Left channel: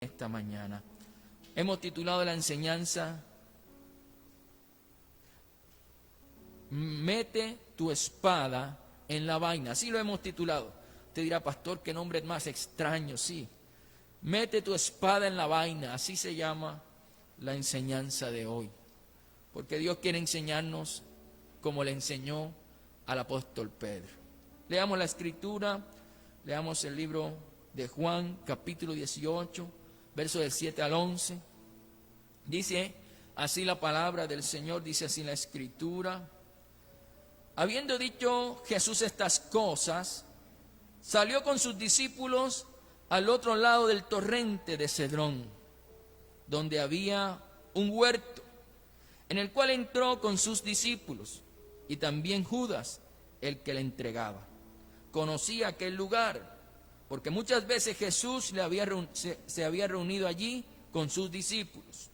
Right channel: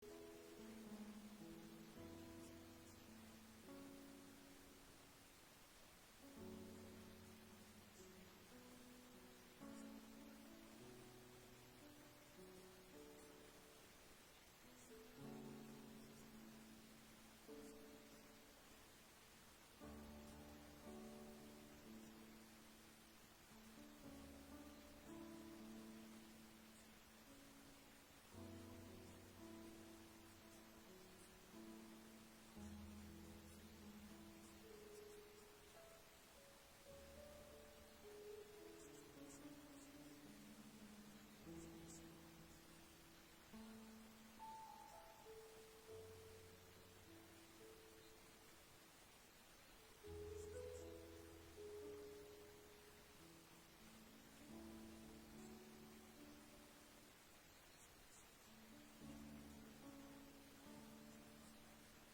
esta mañana. Hemos titulado la enseñanza Mete tu espada en la vaina. Así lo hemos titulado. Te dirá, pastor, qué nombre más extraño. Sí, mete tu espada en la vaina. Así se llama la enseñanza de hoy. Porque Dios quiere enseñarnos como le enseñó al apóstol Pedro. Leamos la escritura, leamos el libro de Juan, capítulo 18, versos del 7 al 11. Dice así la palabra del Señor, dice así la escritura. Habiendo dicho Jesús estas cosas, salió con sus discípulos al otro lado del torrente de Cedrón, donde había un huerto, en el cual entró con sus discípulos, y también Judas, el que le entregaba. Conocía aquel lugar, porque muchas veces Jesús se había reunido allí con sus discípulos.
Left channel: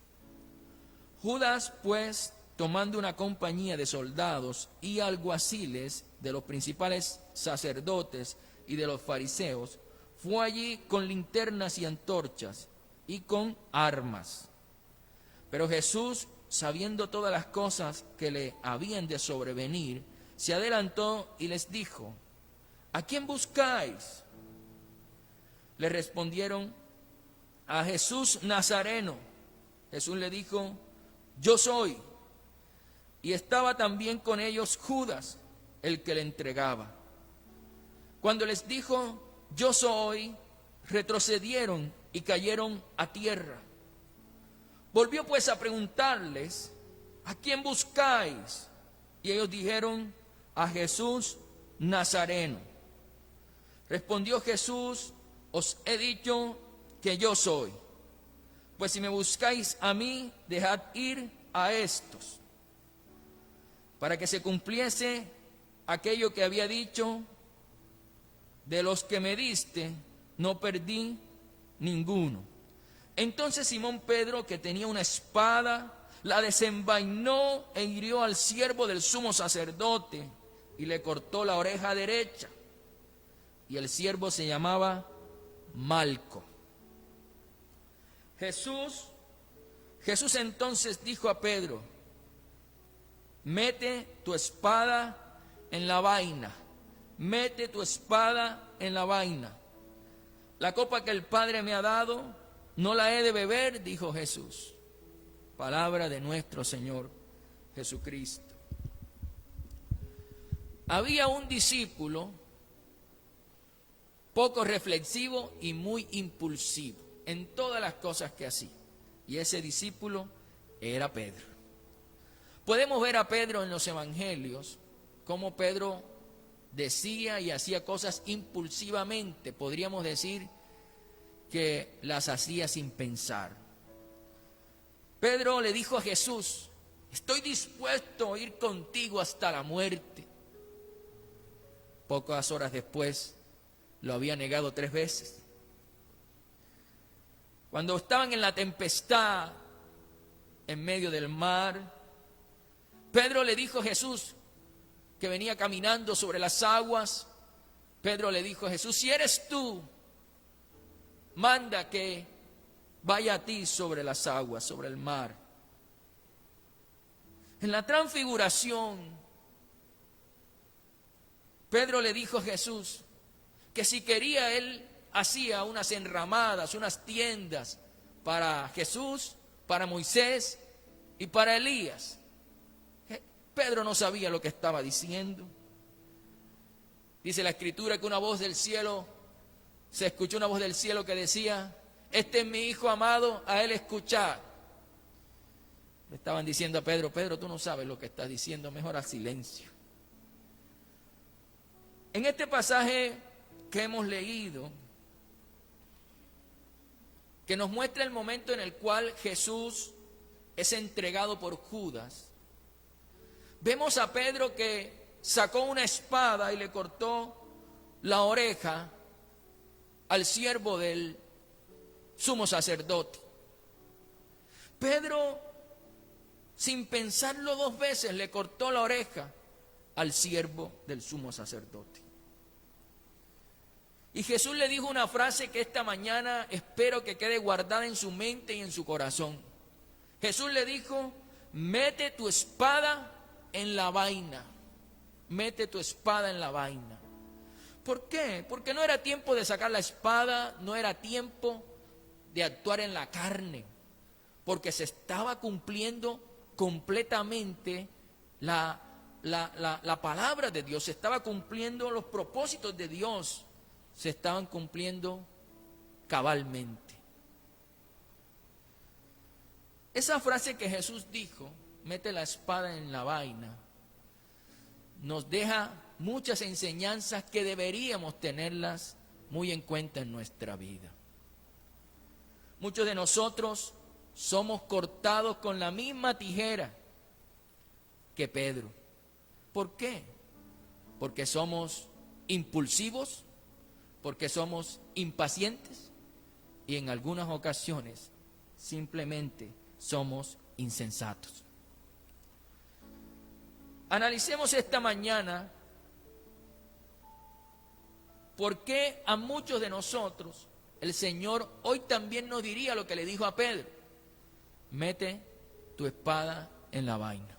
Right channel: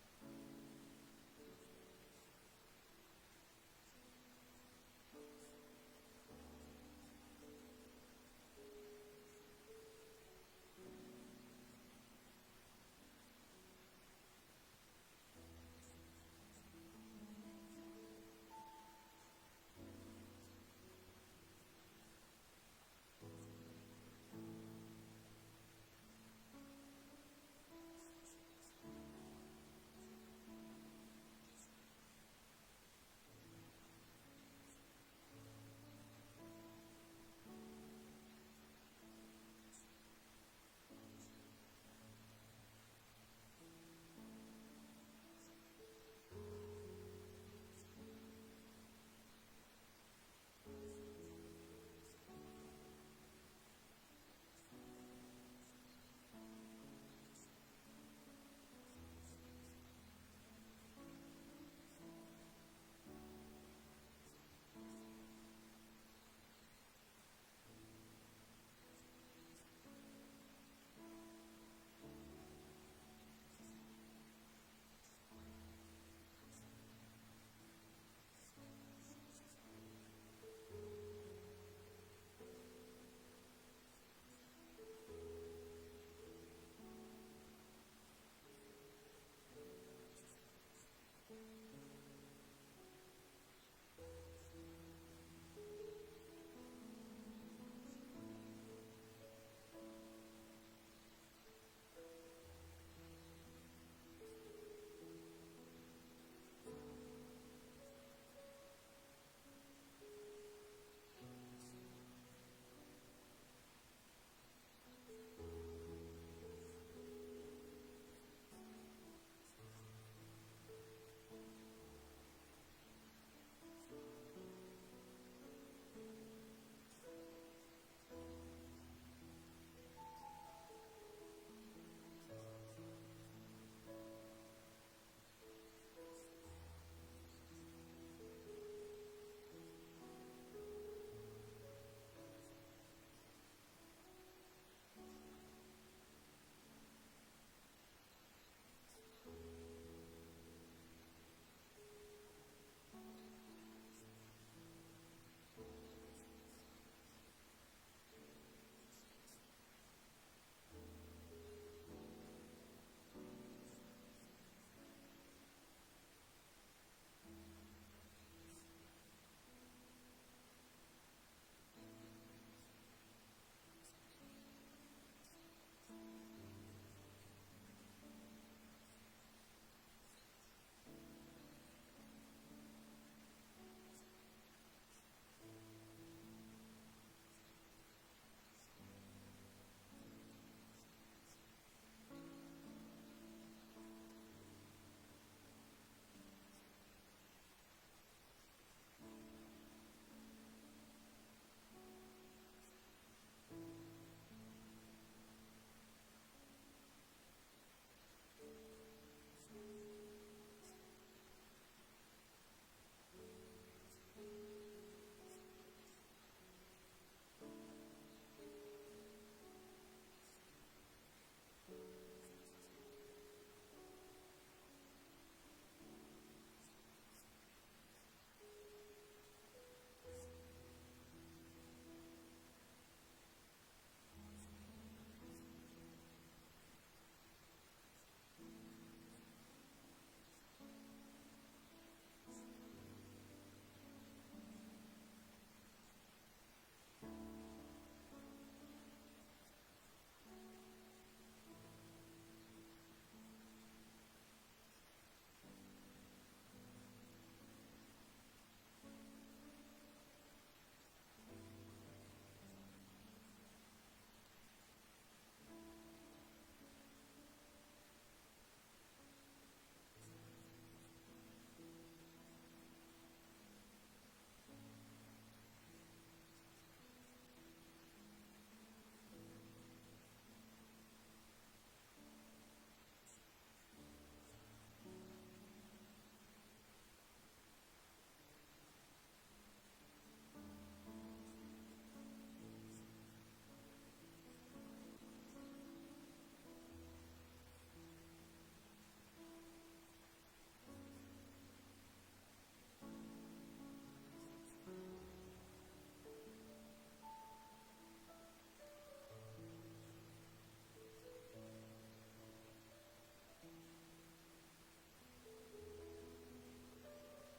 Judas, pues, tomando una compañía de soldados y alguaciles de los principales sacerdotes y de los fariseos, fue allí con linternas y antorchas y con armas. Pero Jesús, sabiendo todas las cosas que le habían de sobrevenir, se adelantó y les dijo: ¿a quién buscáis? Le respondieron: a Jesús Nazareno. Jesús le dijo: yo soy. Y estaba también con ellos Judas, el que le entregaba. Cuando les dijo: yo soy, retrocedieron y cayeron a tierra. Volvió pues a preguntarles: ¿a quién buscáis? Y ellos dijeron: a Jesús Nazareno. Respondió Jesús: os he dicho que yo soy. Pues si me buscáis a mí, dejad ir a estos. Para que se cumpliese aquello que había dicho: de los que me diste, no perdí ninguno. Entonces Simón Pedro, que tenía una espada, la desenvainó e hirió al siervo del sumo sacerdote y le cortó la oreja derecha. Y el siervo se llamaba Malco. Jesús entonces dijo a Pedro: mete tu espada en la vaina, mete tu espada en la vaina. La copa que el Padre me ha dado, no la he de beber, dijo Jesús. Palabra de nuestro Señor Jesucristo. Había un discípulo poco reflexivo y muy impulsivo en todas las cosas que hacía. Y ese discípulo era Pedro. Podemos ver a Pedro en los evangelios, cómo Pedro decía y hacía cosas impulsivamente. Podríamos decir que las hacía sin pensar. Pedro le dijo a Jesús: estoy dispuesto a ir contigo hasta la muerte. Pocas horas después lo había negado 3 veces. Cuando estaban en la tempestad, en medio del mar, Pedro le dijo a Jesús, que venía caminando sobre las aguas, Pedro le dijo a Jesús: si eres tú, manda que vaya a ti sobre las aguas, sobre el mar. En la transfiguración, Pedro le dijo a Jesús que si quería, él hacía unas enramadas, unas tiendas para Jesús, para Moisés y para Elías. Pedro no sabía lo que estaba diciendo. Dice la escritura que una voz del cielo, se escuchó una voz del cielo que decía: este es mi hijo amado, a él escuchad. Le estaban diciendo a Pedro: Pedro, tú no sabes lo que estás diciendo, mejor haz silencio. En este pasaje que hemos leído, que nos muestra el momento en el cual Jesús es entregado por Judas, vemos a Pedro que sacó una espada y le cortó la oreja al siervo del sumo sacerdote. Pedro, sin pensarlo 2 veces, le cortó la oreja al siervo del sumo sacerdote. Y Jesús le dijo una frase que esta mañana espero que quede guardada en su mente y en su corazón. Jesús le dijo: mete tu espada en la vaina. Mete tu espada en la vaina. ¿Por qué? Porque no era tiempo de sacar la espada, no era tiempo de actuar en la carne, porque se estaba cumpliendo completamente la palabra de Dios, se estaba cumpliendo los propósitos de Dios, se estaban cumpliendo cabalmente. Esa frase que Jesús dijo, mete la espada en la vaina, nos deja muchas enseñanzas que deberíamos tenerlas muy en cuenta en nuestra vida. Muchos de nosotros somos cortados con la misma tijera que Pedro. ¿Por qué? Porque somos impulsivos, porque somos impacientes y en algunas ocasiones simplemente somos insensatos. Analicemos esta mañana por qué a muchos de nosotros el Señor hoy también nos diría lo que le dijo a Pedro: mete tu espada en la vaina.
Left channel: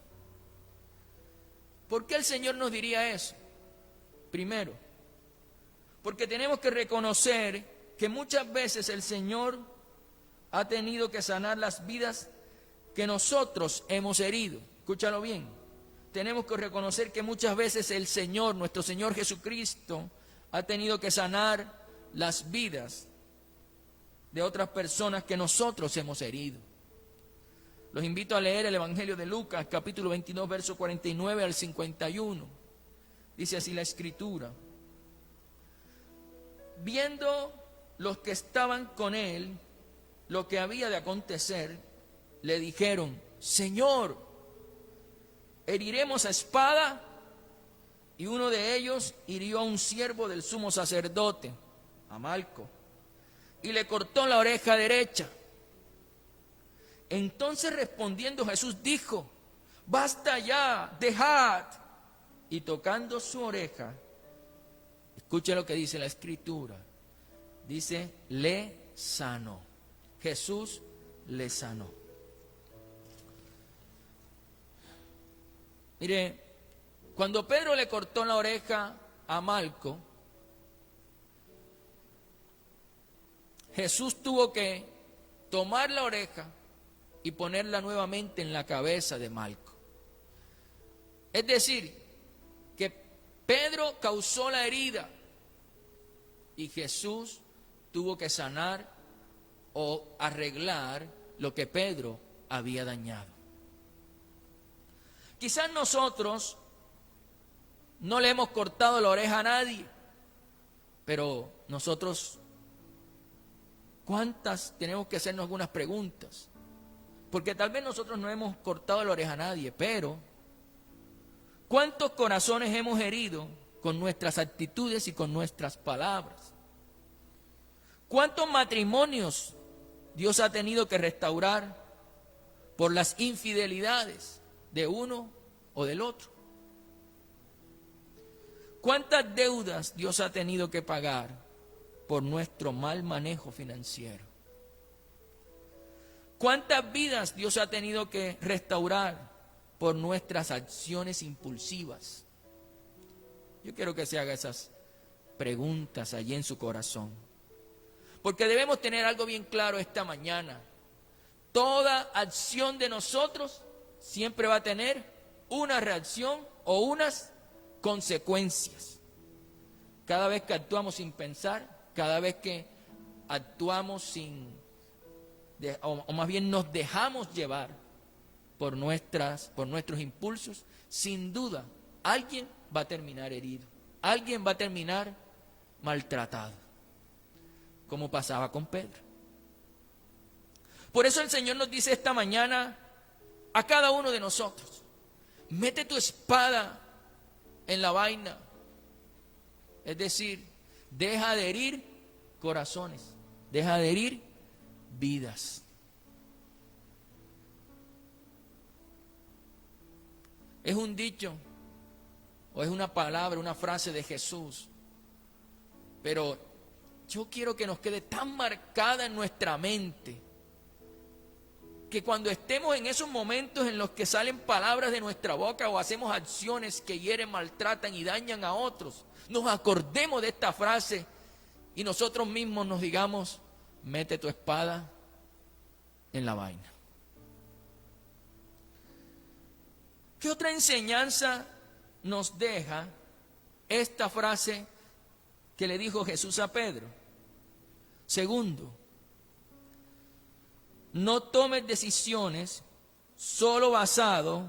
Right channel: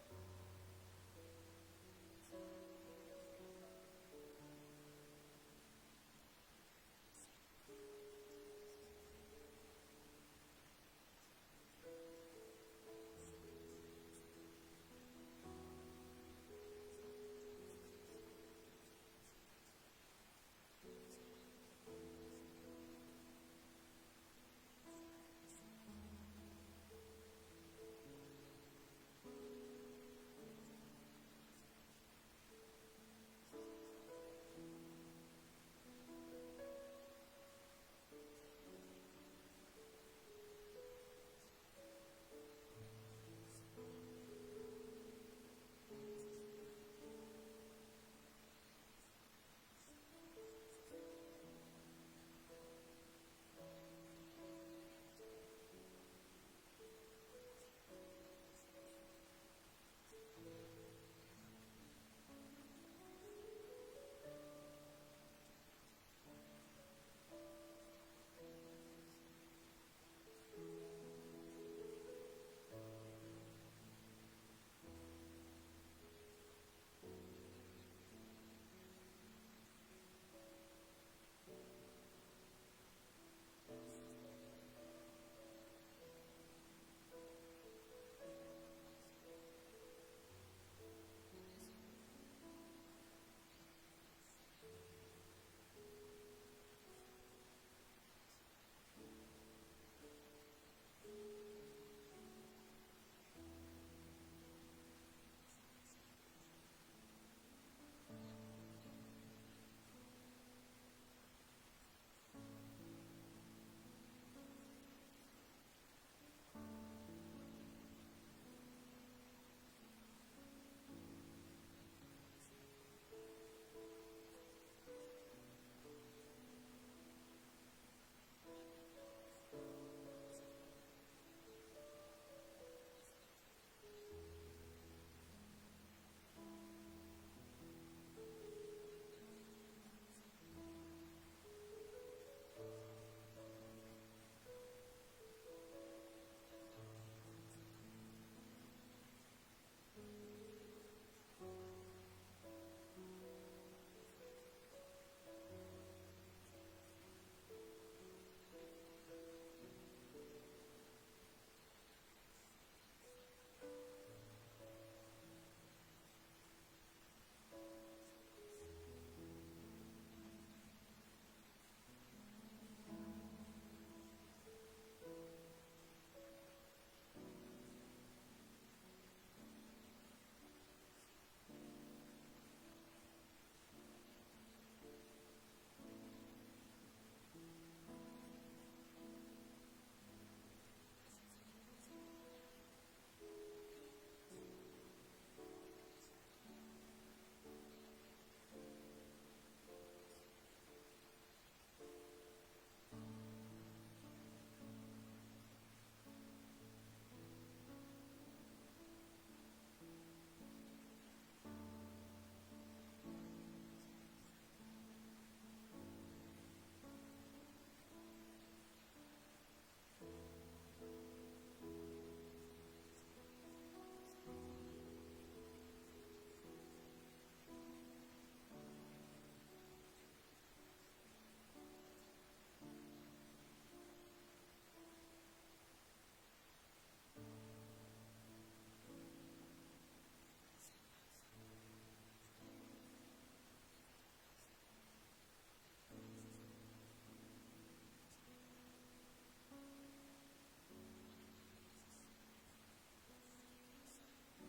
¿Por qué el Señor nos diría eso? Primero, porque tenemos que reconocer que muchas veces el Señor ha tenido que sanar las vidas que nosotros hemos herido. Escúchalo bien. Tenemos que reconocer que muchas veces el Señor, nuestro Señor Jesucristo, ha tenido que sanar las vidas de otras personas que nosotros hemos herido. Los invito a leer el Evangelio de Lucas, capítulo 22, verso 49 al 51. Dice así la Escritura: viendo los que estaban con él lo que había de acontecer, le dijeron: Señor, ¿heriremos a espada? Y uno de ellos hirió a un siervo del sumo sacerdote, a Malco, y le cortó la oreja derecha. Entonces respondiendo Jesús dijo: basta ya, dejad. Y tocando su oreja, escuche lo que dice la Escritura, dice: le sanó. Jesús le sanó. Mire, cuando Pedro le cortó la oreja a Malco, Jesús tuvo que tomar la oreja y ponerla nuevamente en la cabeza de Malco. Es decir, que Pedro causó la herida y Jesús tuvo que sanar o arreglar lo que Pedro había dañado. Quizás nosotros no le hemos cortado la oreja a nadie, pero nosotros, ¿cuántas? Tenemos que hacernos algunas preguntas. Porque tal vez nosotros no hemos cortado la oreja a nadie, pero ¿cuántos corazones hemos herido con nuestras actitudes y con nuestras palabras? ¿Cuántos matrimonios Dios ha tenido que restaurar por las infidelidades de uno o del otro? ¿Cuántas deudas Dios ha tenido que pagar por nuestro mal manejo financiero? ¿Cuántas vidas Dios ha tenido que restaurar por nuestras acciones impulsivas? Yo quiero que se haga esas preguntas allí en su corazón. Porque debemos tener algo bien claro esta mañana. Toda acción de nosotros siempre va a tener una reacción o unas consecuencias. Cada vez que actuamos sin pensar, cada vez que actuamos o más bien nos dejamos llevar por nuestros impulsos, sin duda alguien va a terminar herido, alguien va a terminar maltratado, como pasaba con Pedro. Por eso el Señor nos dice esta mañana a cada uno de nosotros: mete tu espada en la vaina. Es decir, deja de herir corazones, deja de herir vidas. Es un dicho o es una palabra, una frase de Jesús, pero yo quiero que nos quede tan marcada en nuestra mente, que cuando estemos en esos momentos en los que salen palabras de nuestra boca o hacemos acciones que hieren, maltratan y dañan a otros, nos acordemos de esta frase y nosotros mismos nos digamos: mete tu espada en la vaina. ¿Qué otra enseñanza nos deja esta frase que le dijo Jesús a Pedro? Segundo, no tomes decisiones solo basado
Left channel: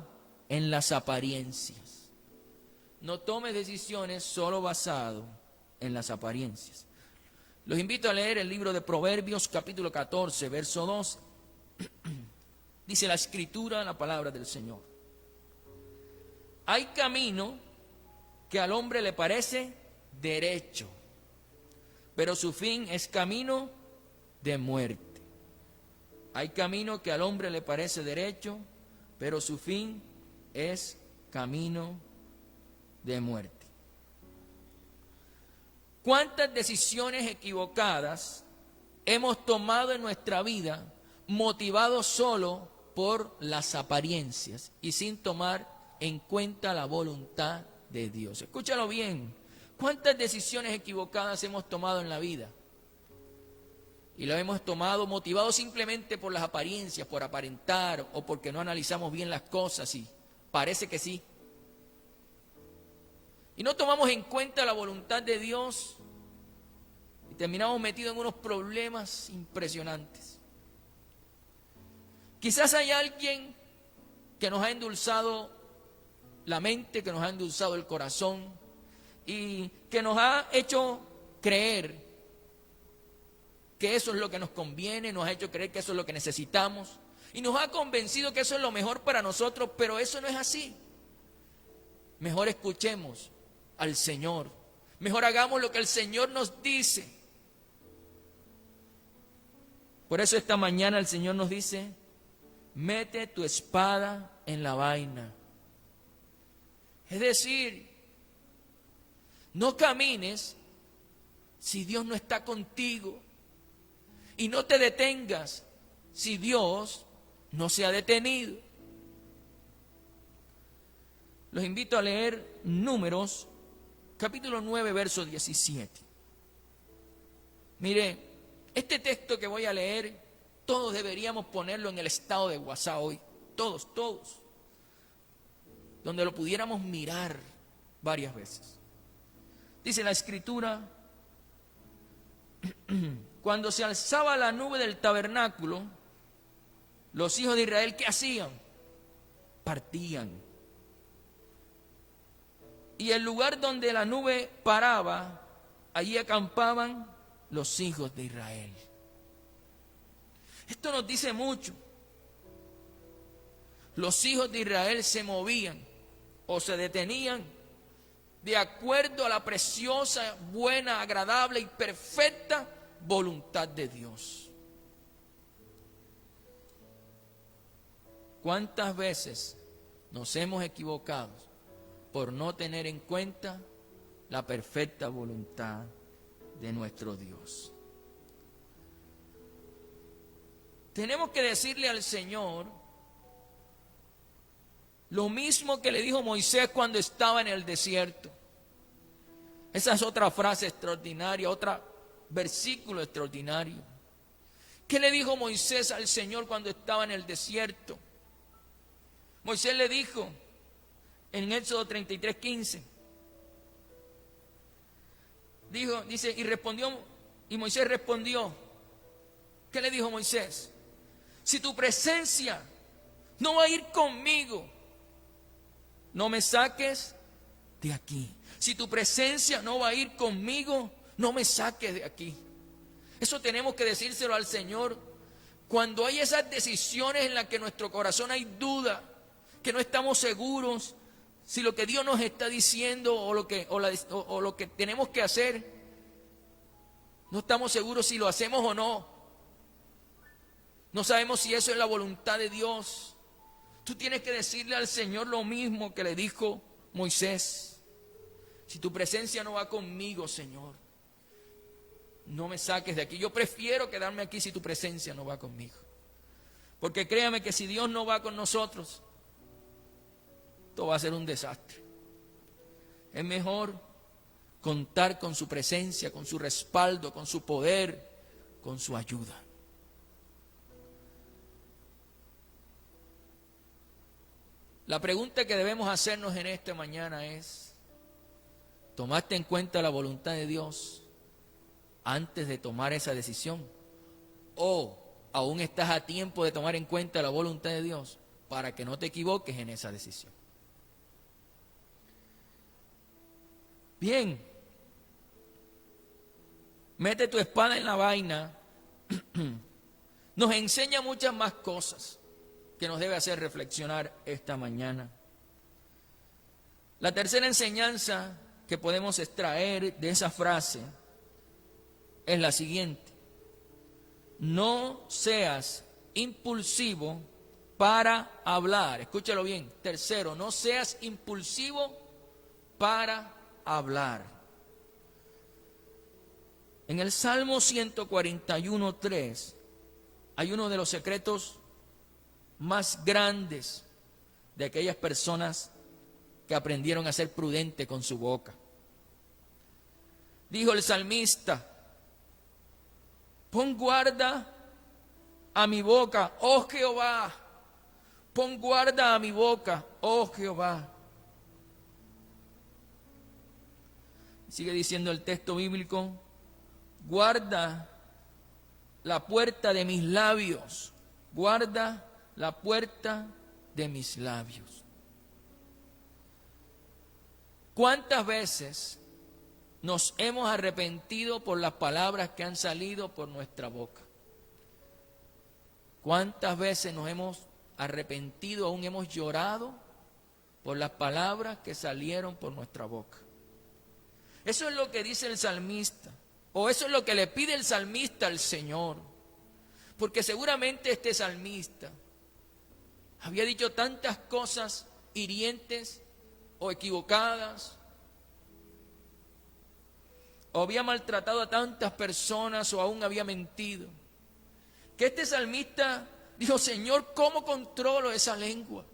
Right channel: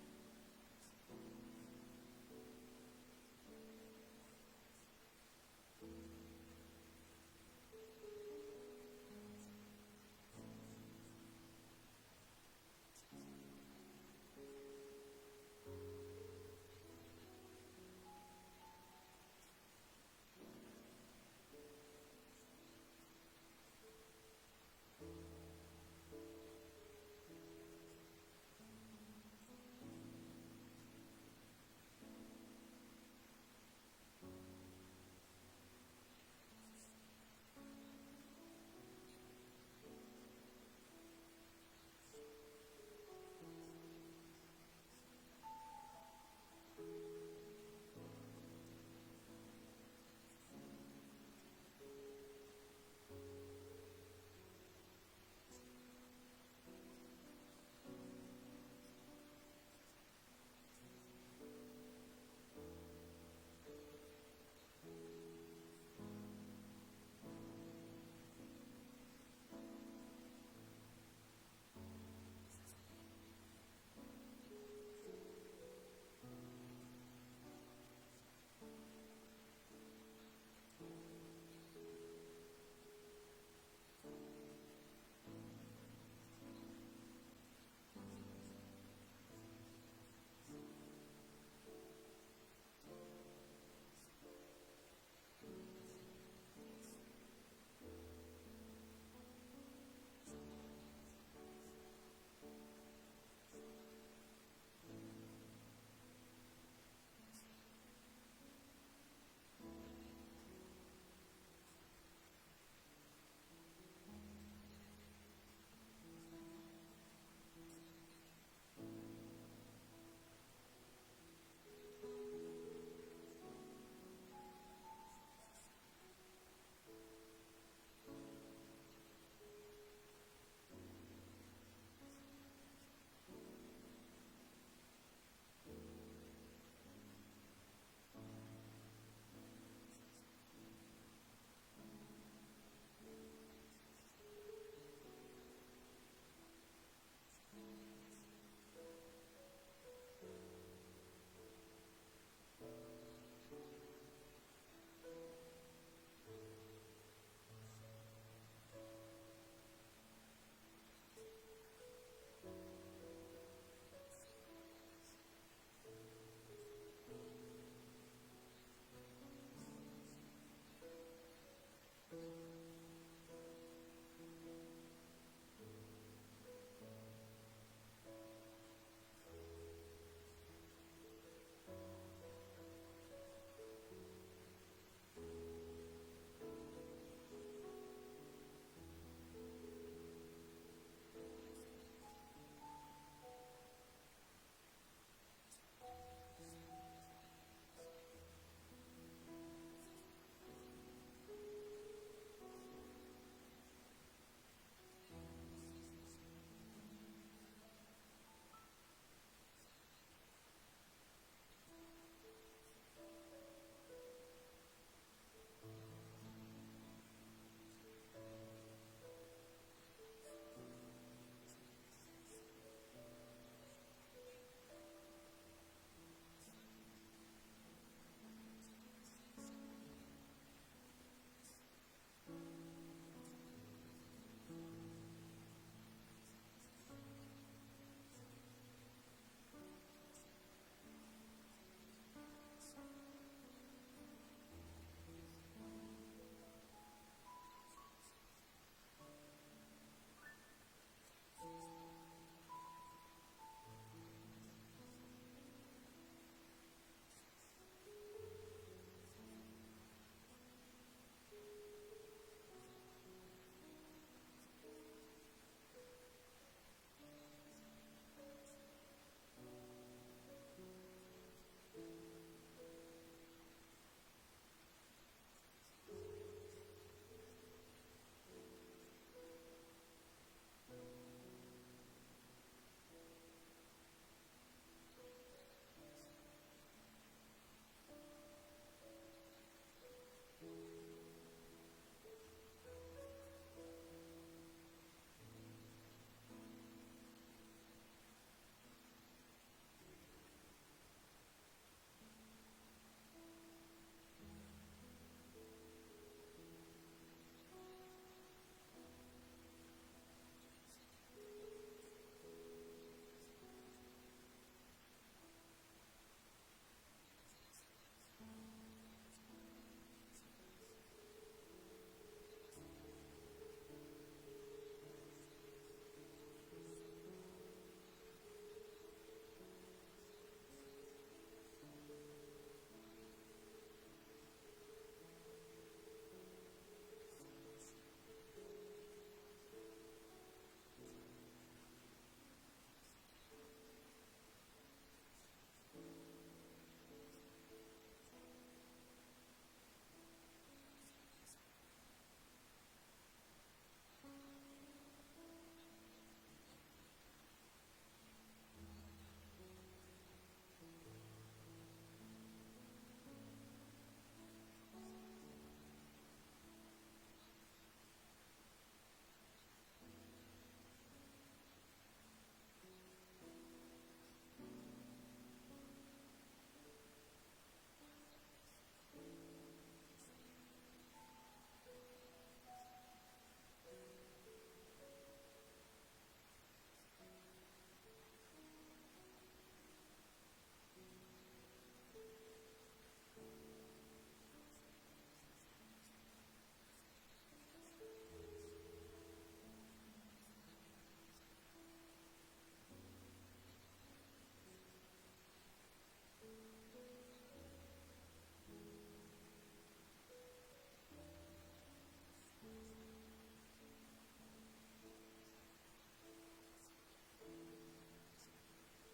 en las apariencias. No tomes decisiones solo basado en las apariencias. Los invito a leer el libro de Proverbios, capítulo 14, verso 2. Dice la Escritura, la palabra del Señor: hay camino que al hombre le parece derecho, pero su fin es camino de muerte. Hay camino que al hombre le parece derecho, pero su fin es camino de muerte. ¿Cuántas decisiones equivocadas hemos tomado en nuestra vida motivados solo por las apariencias y sin tomar en cuenta la voluntad de Dios? Escúchalo bien. ¿Cuántas decisiones equivocadas hemos tomado en la vida? Y lo hemos tomado motivados simplemente por las apariencias, por aparentar o porque no analizamos bien las cosas y parece que sí. Y no tomamos en cuenta la voluntad de Dios y terminamos metidos en unos problemas impresionantes. Quizás hay alguien que nos ha endulzado la mente, que nos ha endulzado el corazón y que nos ha hecho creer que eso es lo que nos conviene, nos ha hecho creer que eso es lo que necesitamos y nos ha convencido que eso es lo mejor para nosotros, pero eso no es así. Mejor escuchemos al Señor, mejor hagamos lo que el Señor nos dice. Por eso esta mañana el Señor nos dice: mete tu espada en la vaina. Es decir, no camines si Dios no está contigo. Y no te detengas si Dios no se ha detenido. Los invito a leer Números, capítulo 9, verso 17. Mire, este texto que voy a leer, todos deberíamos ponerlo en el estado de WhatsApp hoy. Todos. Donde lo pudiéramos mirar varias veces. Dice la Escritura: cuando se alzaba la nube del tabernáculo, los hijos de Israel, ¿qué hacían? Partían. Y el lugar donde la nube paraba, allí acampaban los hijos de Israel. Esto nos dice mucho. Los hijos de Israel se movían o se detenían de acuerdo a la preciosa, buena, agradable y perfecta voluntad de Dios. ¿Cuántas veces nos hemos equivocado por no tener en cuenta la perfecta voluntad de nuestro Dios? Tenemos que decirle al Señor lo mismo que le dijo Moisés cuando estaba en el desierto. Esa es otra frase extraordinaria, otro versículo extraordinario. ¿Qué le dijo Moisés al Señor cuando estaba en el desierto? Moisés le dijo en Éxodo 33:15. Dice, y Moisés respondió. ¿Qué le dijo Moisés? Si tu presencia no va a ir conmigo, no me saques de aquí. Si tu presencia no va a ir conmigo, no me saques de aquí. Eso tenemos que decírselo al Señor. Cuando hay esas decisiones en las que en nuestro corazón hay duda, que no estamos seguros si lo que Dios nos está diciendo o lo que tenemos que hacer, no estamos seguros si lo hacemos o no. No sabemos si eso es la voluntad de Dios. Tú tienes que decirle al Señor lo mismo que le dijo Moisés. Si tu presencia no va conmigo, Señor, no me saques de aquí. Yo prefiero quedarme aquí si tu presencia no va conmigo. Porque créame que si Dios no va con nosotros, esto va a ser un desastre. Es mejor contar con su presencia, con su respaldo, con su poder, con su ayuda. La pregunta que debemos hacernos en esta mañana es: ¿tomaste en cuenta la voluntad de Dios antes de tomar esa decisión? ¿O aún estás a tiempo de tomar en cuenta la voluntad de Dios para que no te equivoques en esa decisión? Bien, mete tu espada en la vaina. Nos enseña muchas más cosas que nos debe hacer reflexionar esta mañana. La tercera enseñanza que podemos extraer de esa frase es la siguiente: no seas impulsivo para hablar. Escúchalo bien. Tercero, no seas impulsivo para hablar. En el Salmo 141:3 hay uno de los secretos más grandes de aquellas personas que aprendieron a ser prudentes con su boca. Dijo el salmista: pon guarda a mi boca, oh Jehová. Pon guarda a mi boca, oh Jehová. Sigue diciendo el texto bíblico: guarda la puerta de mis labios, guarda la puerta de mis labios. ¿Cuántas veces nos hemos arrepentido por las palabras que han salido por nuestra boca? ¿Cuántas veces nos hemos arrepentido, aún hemos llorado por las palabras que salieron por nuestra boca? Eso es lo que dice el salmista, o eso es lo que le pide el salmista al Señor. Porque seguramente este salmista había dicho tantas cosas hirientes o equivocadas, o había maltratado a tantas personas, o aún había mentido, que este salmista dijo: Señor, ¿cómo controlo esa lengua?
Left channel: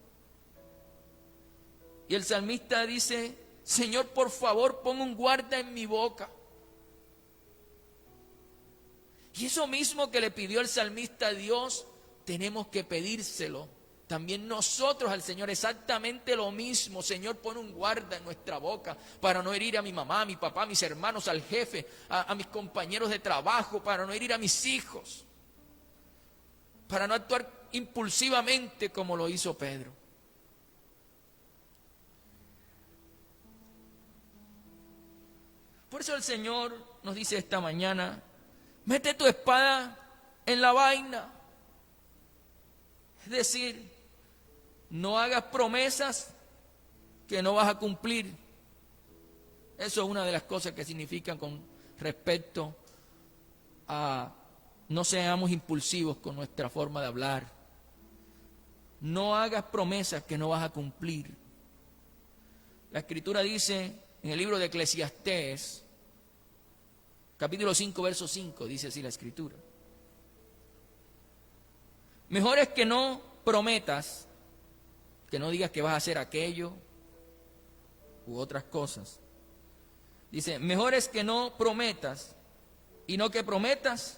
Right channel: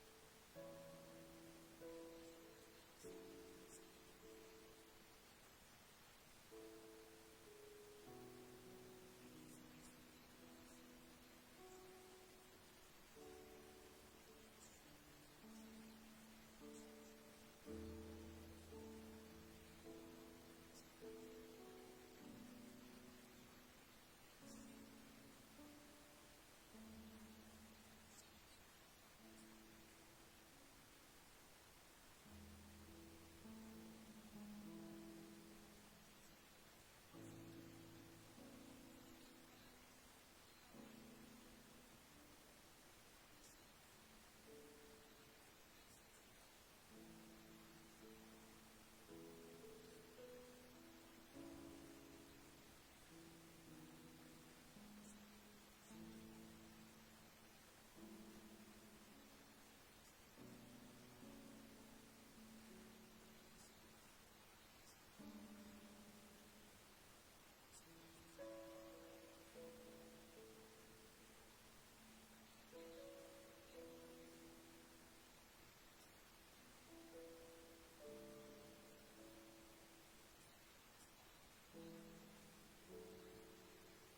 Y el salmista dice: Señor, por favor, pon un guarda en mi boca. Y eso mismo que le pidió el salmista a Dios, tenemos que pedírselo también nosotros al Señor, exactamente lo mismo. Señor, pon un guarda en nuestra boca para no herir a mi mamá, a mi papá, a mis hermanos, al jefe, a mis compañeros de trabajo, para no herir a mis hijos, para no actuar impulsivamente como lo hizo Pedro. Por eso el Señor nos dice esta mañana: mete tu espada en la vaina. Es decir, no hagas promesas que no vas a cumplir. Eso es una de las cosas que significan con respecto a no seamos impulsivos con nuestra forma de hablar. No hagas promesas que no vas a cumplir. La Escritura dice en el libro de Eclesiastés, capítulo 5, verso 5, dice así la Escritura: mejor es que no prometas, que no digas que vas a hacer aquello u otras cosas. Dice: mejor es que no prometas y no que prometas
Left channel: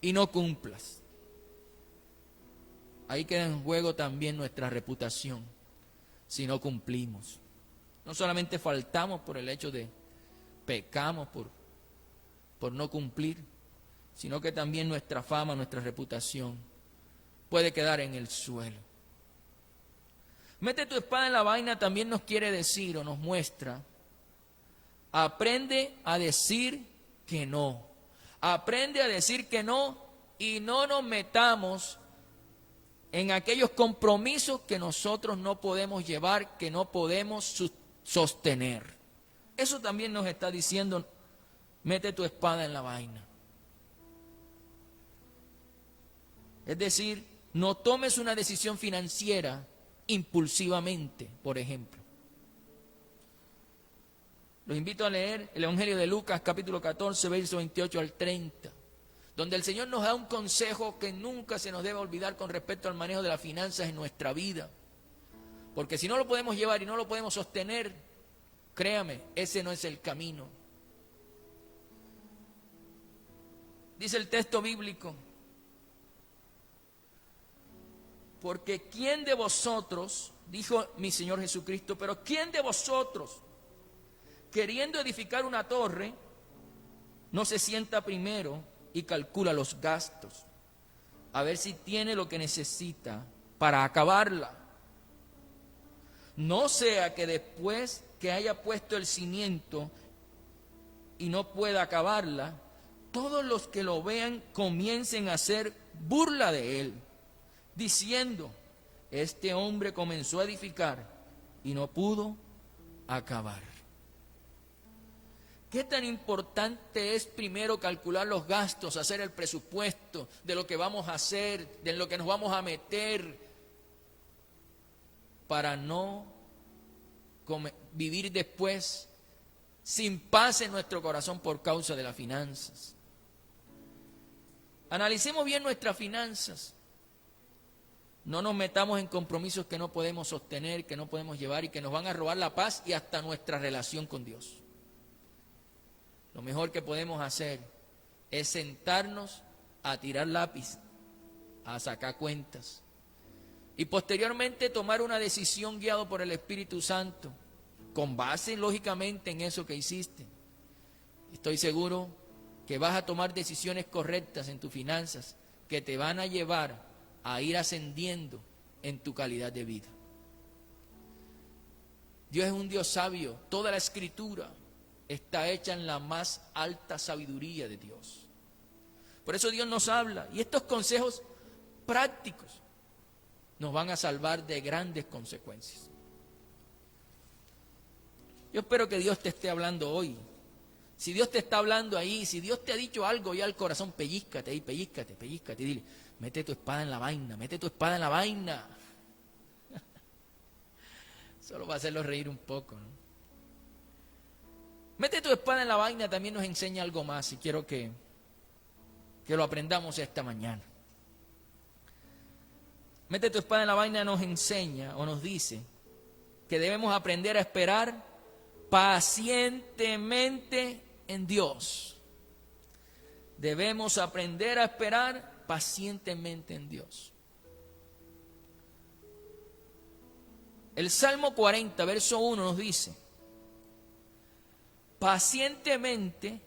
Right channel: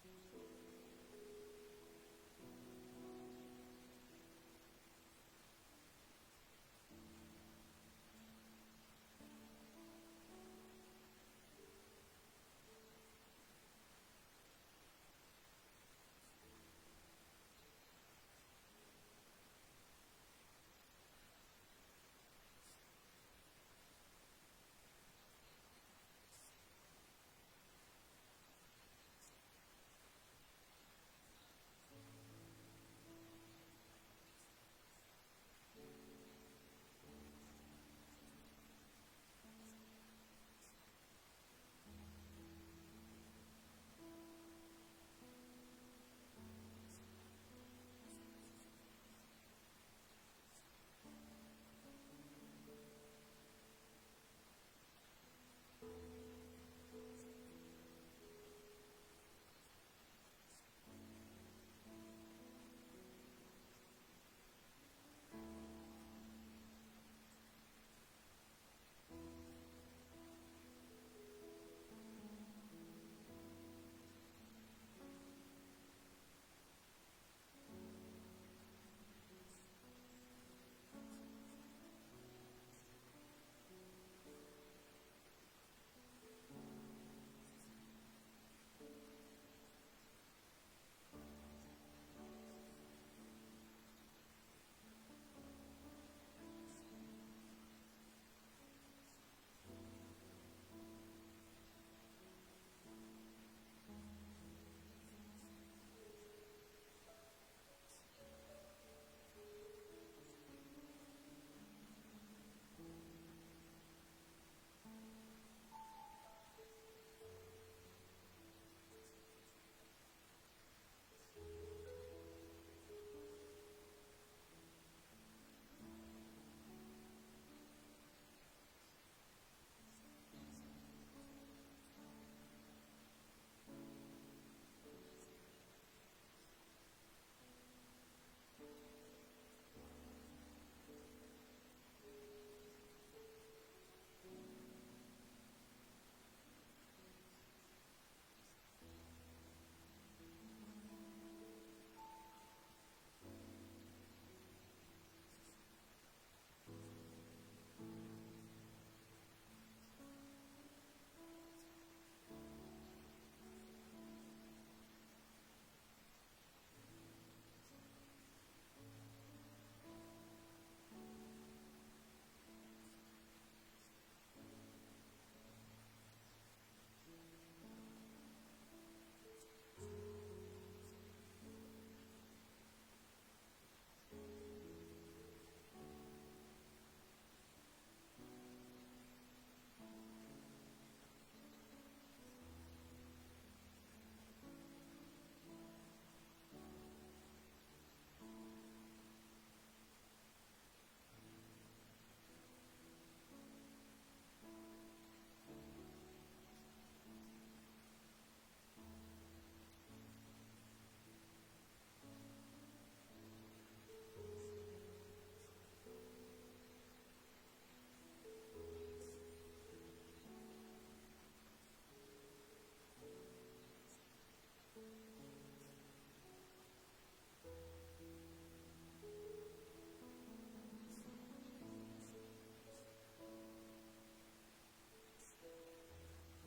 y no cumplas. Ahí queda en juego también nuestra reputación si no cumplimos. No solamente faltamos por el hecho de pecamos por no cumplir, sino que también nuestra fama, nuestra reputación puede quedar en el suelo. Mete tu espada en la vaina también nos quiere decir o nos muestra: aprende a decir que no. Aprende a decir que no y no nos metamos en aquellos compromisos que nosotros no podemos llevar, que no podemos sostener. Eso también nos está diciendo: mete tu espada en la vaina. Es decir, no tomes una decisión financiera impulsivamente, por ejemplo. Los invito a leer el Evangelio de Lucas, capítulo 14, verso 28 al 30, donde el Señor nos da un consejo que nunca se nos debe olvidar con respecto al manejo de las finanzas en nuestra vida. Porque si no lo podemos llevar y no lo podemos sostener, créame, ese no es el camino. Dice el texto bíblico: porque ¿quién de vosotros, dijo mi Señor Jesucristo, pero quién de vosotros, queriendo edificar una torre, no se sienta primero y calcula los gastos, a ver si tiene lo que necesita para acabarla? No sea que después que haya puesto el cimiento y no pueda acabarla, todos los que lo vean comiencen a hacer burla de él, diciendo: este hombre comenzó a edificar y no pudo acabar. ¿Qué tan importante es primero calcular los gastos, hacer el presupuesto de lo que vamos a hacer, de lo que nos vamos a meter, para no vivir después sin paz en nuestro corazón por causa de las finanzas? Analicemos bien nuestras finanzas. No nos metamos en compromisos que no podemos sostener, que no podemos llevar y que nos van a robar la paz y hasta nuestra relación con Dios. Lo mejor que podemos hacer es sentarnos a tirar lápiz, a sacar cuentas y posteriormente tomar una decisión guiado por el Espíritu Santo, con base lógicamente en eso que hiciste. Estoy seguro que vas a tomar decisiones correctas en tus finanzas que te van a llevar a ir ascendiendo en tu calidad de vida. Dios es un Dios sabio. Toda la Escritura está hecha en la más alta sabiduría de Dios. Por eso Dios nos habla, y estos consejos prácticos nos van a salvar de grandes consecuencias. Yo espero que Dios te esté hablando hoy. Si Dios te está hablando ahí, si Dios te ha dicho algo ya al corazón, pellízcate ahí, pellízcate, y dile: mete tu espada en la vaina, mete tu espada en la vaina. Solo para hacerlo reír un poco, ¿no? Mete tu espada en la vaina también nos enseña algo más, y quiero que lo aprendamos esta mañana. Mete tu espada en la vaina nos enseña o nos dice que debemos aprender a esperar pacientemente en Dios. Debemos aprender a esperar pacientemente en Dios. El Salmo 40, verso 1 nos dice: pacientemente